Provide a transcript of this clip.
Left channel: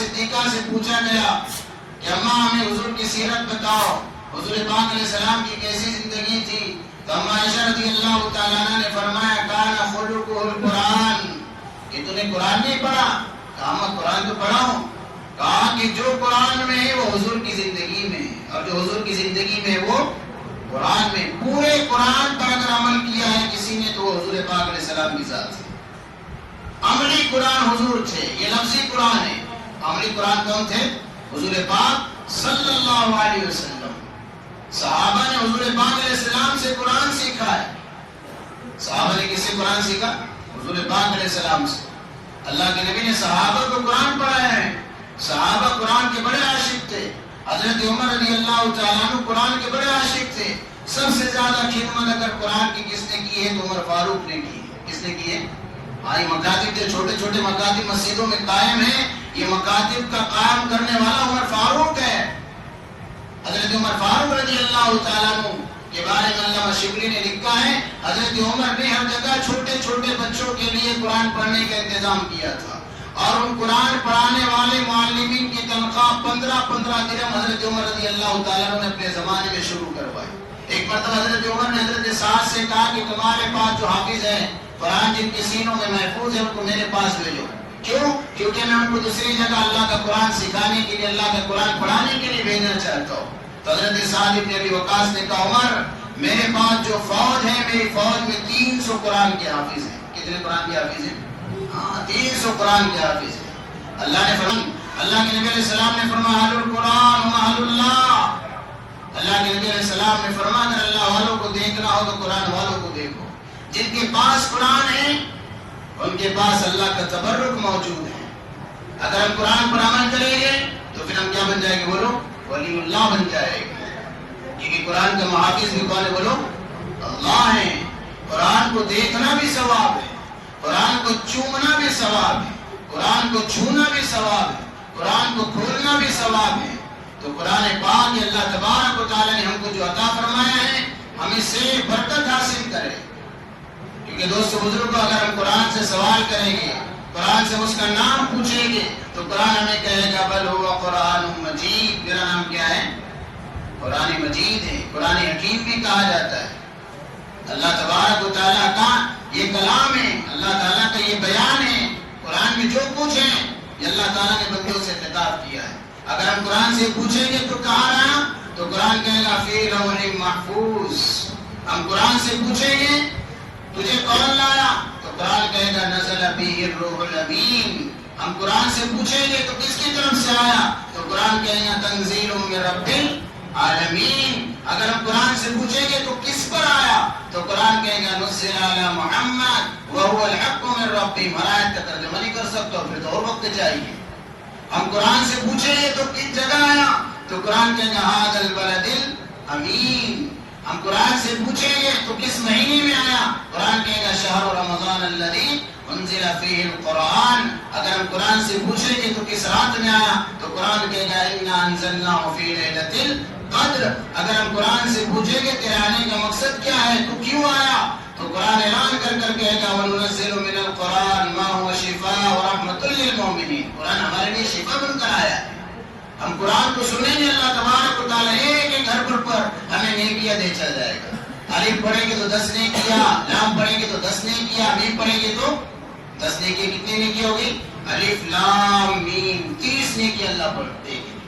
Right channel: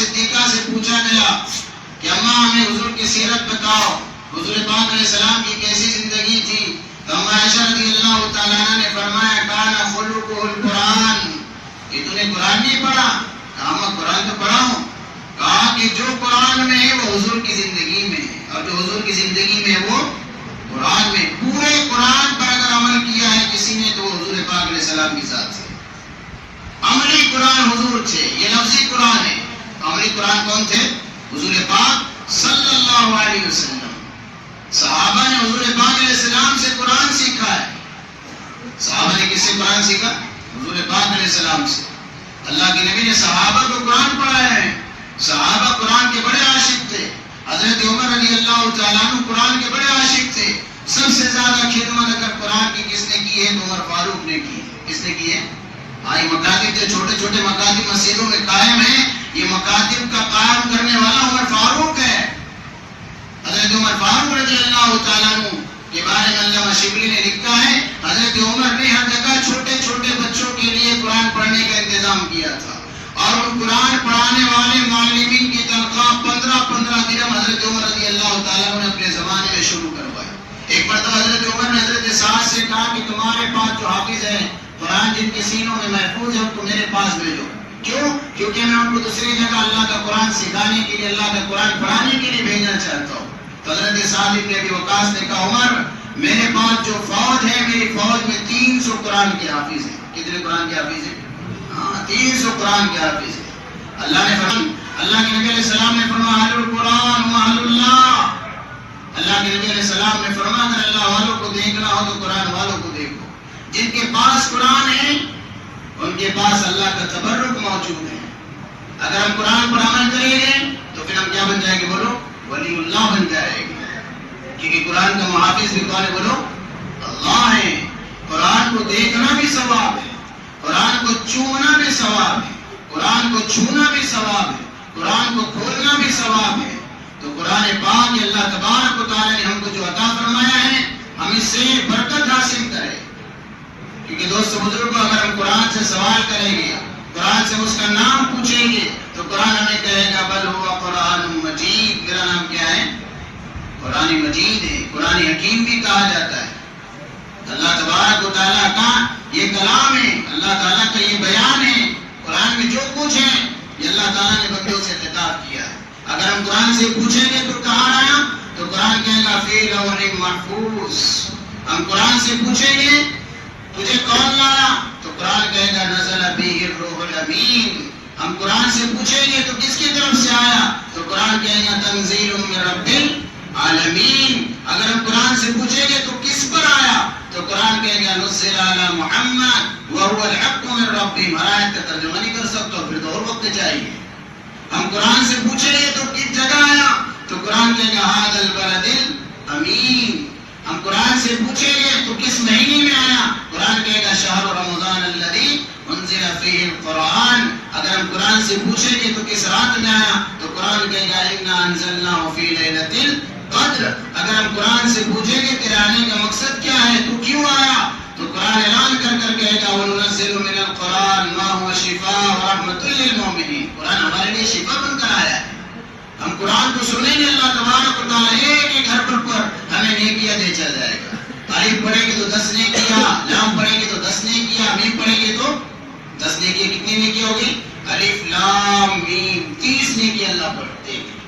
صدیقہ سے پوچھا گیا کہ اماں ہمیں حضور کی سیرت بتاؤ، حضور پاک علیہ السلام کی کیسی زندگی تھی؟ تو اماں عائشہ رضی اللہ تعالیٰ عنہ نے فرمایا کان خلقہ القرآن، کہ تو نے قرآن نہیں پڑھا؟ کہا میں قرآن تو پڑھا ہوں۔ کہا کہ جو قرآن میں ہے وہ حضور کی زندگی میں ہے، اور جو حضور کی زندگی میں ہے وہ قرآن میں۔ پورے قرآن پر اگر عمل کیا ہے کسی نے تو وہ حضور پاک علیہ السلام کی ذات سے۔ عملی قرآن حضور تھے، یہ لفظی قرآن ہے۔ عملی قرآن کون تھے؟ حضور پاک صلی اللہ علیہ وسلم۔ صحابہ نے حضور پاک علیہ السلام سے قرآن سیکھا ہے۔ صحابہ نے کس سے قرآن سیکھا؟ حضور پاک علیہ السلام سے۔ اللہ کے نبی نے صحابہ کو قرآن پڑھایا ہے۔ صحابہ قرآن کے بڑے عاشق تھے۔ حضرت عمر رضی اللہ تعالیٰ عنہ قرآن کے بڑے عاشق تھے۔ سب سے زیادہ خدمت اگر قرآن کی کس نے کی ہے تو عمر فاروق نے کی ہے۔ کس نے کی ہے؟ آئی مکاتب جو چھوٹے چھوٹے مکاتب مسجدوں میں قائم ہیں، یہ مکاتب کا قائم کرنے والا عمر فاروق ہے۔ حضرت عمر فاروق رضی اللہ تعالیٰ عنہ کے بارے میں علامہ شبلی نے لکھا ہے حضرت عمر نے ہر جگہ چھوٹے چھوٹے بچوں کے لیے قرآن پڑھنے کا انتظام کیا تھا، اور ان قرآن پڑھانے والے معلمین کی تنخواہ 15 درہم حضرت عمر رضی اللہ تعالیٰ عنہ نے اپنے زمانے میں شروع کروائی۔ ایک مرتبہ حضرت عمر نے حضرت سعد سے کہا کہ تمہارے پاس جو حافظ ہیں قرآن جن کے سینوں میں محفوظ ہے ان کو میرے پاس بھیجو۔ کیوں؟ کیونکہ میں ان کو دوسری جگہ اللہ کا قرآن سکھانے کے لیے، اللہ کا قرآن پڑھانے کے لیے بھیجنا چاہتا ہوں۔ تو حضرت سعد بن ابی وقاص نے کہا عمر میرے پاس جو فوج ہے، میری فوج میں 300 قرآن کے حافظ ہیں۔ کتنے قرآن کے حافظ ہیں؟ ہاں 300 قرآن کے حافظ ہیں۔ اللہ نے فرمایا، اللہ کے نبی علیہ السلام نے فرمایا اہل القرآن و اہل اللہ۔ اللہ کے نبی علیہ السلام نے فرمایا اگر اللہ والوں کو دیکھنا ہو تو قرآن والوں کو دیکھو۔ جن کے پاس قرآن ہے ان کے پاس اللہ کا تبرک موجود ہے۔ اگر ہم قرآن پر عمل کریں گے تو پھر ہم کیا بن جائیں گے؟ بولو ولی اللہ بن جائے گا، کیونکہ قرآن کا محافظ بھی کون ہے؟ بولو اللہ ہے۔ قرآن کو دیکھنا بھی ثواب ہے، قرآن کو چومنا بھی ثواب ہے، قرآن کو چھونا بھی ثواب ہے، قرآن کو کھولنا بھی ثواب ہے۔ تو قرآن پاک اللہ تبارک و تعالیٰ نے ہم کو جو عطا فرمایا ہے ہم اس سے برکت حاصل کریں، کیونکہ دوستو بزرگوں اگر ہم قرآن سے سوال کریں گے، قرآن سے اس کا نام پوچھیں گے تو قرآن ہمیں کہے گا بل ہوا قرآن مجید، میرا نام کیا ہے؟ قرآن مجید ہے، قرآن حکیم بھی کہا جاتا ہے۔ اللہ تبارک و تعالیٰ کا یہ کلام ہے، اللہ تعالیٰ کا یہ بیان ہے۔ قرآن میں جو کچھ ہے یہ اللہ تعالیٰ نے بندوں سے خطاب کیا ہے۔ اگر ہم قرآن سے پوچھیں گے تو کہاں آیا؟ تو قرآن کہے گا فی لوح محفوظ۔ ہم قرآن سے پوچھیں گے تجھے کون لایا؟ تو قرآن کہے گا نزل بہ الروح الامین۔ ہم قرآن سے پوچھیں گے تو کس کی طرف سے آیا؟ تو قرآن کہے گا تنزیل من رب العالمین۔ اگر ہم قرآن سے پوچھیں گے تو کس پر آیا؟ تو قرآن کہے گا نزل علی محمد وهو الحق من ربهم۔ ہر آیت کا ترجمہ نہیں کر سکتا، پھر تو اور وقت چاہیے۔ ہم قرآن سے پوچھیں گے تو کس جگہ آیا؟ تو قرآن کہے گا ھذا البلد الامین۔ ہم قرآن سے پوچھیں گے تو کس مہینے میں آیا؟ قرآن کہے گا شہر رمضان الذی انزل فیہ القرآن۔ اگر ہم قرآن سے پوچھیں گے تو کس رات میں آیا؟ تو قرآن کہے گا انا انزلناہ فی لیلۃ القدر۔ اگر ہم قرآن سے پوچھیں گے تیرے آنے کا مقصد کیا ہے، تو کیوں آیا؟ تو قرآن اعلان کر کر کہے گا وَنُنَزِّلُ مِنَ الْقُرْآنِ مَا هُوَ شِفَاءٌ وَرَحْمَةٌ لِّلْمُؤْمِنِينَ۔ قرآن ہمارے لیے شفا بن کر آیا ہے۔ ہم قرآن کو سنیں گے اللہ تبارک و تعالیٰ ایک ایک حرف پر ہمیں نیکیاں دیتا جائے گا۔ الف پڑھیں گے تو 10 نیکیاں، لام پڑھیں گے تو 10 نیکیاں، میم پڑھیں گے تو 10 نیکیاں۔ کتنی نیکی ہوگی؟ الف لام میم 30 نیکی اللہ پڑھتے ہیں۔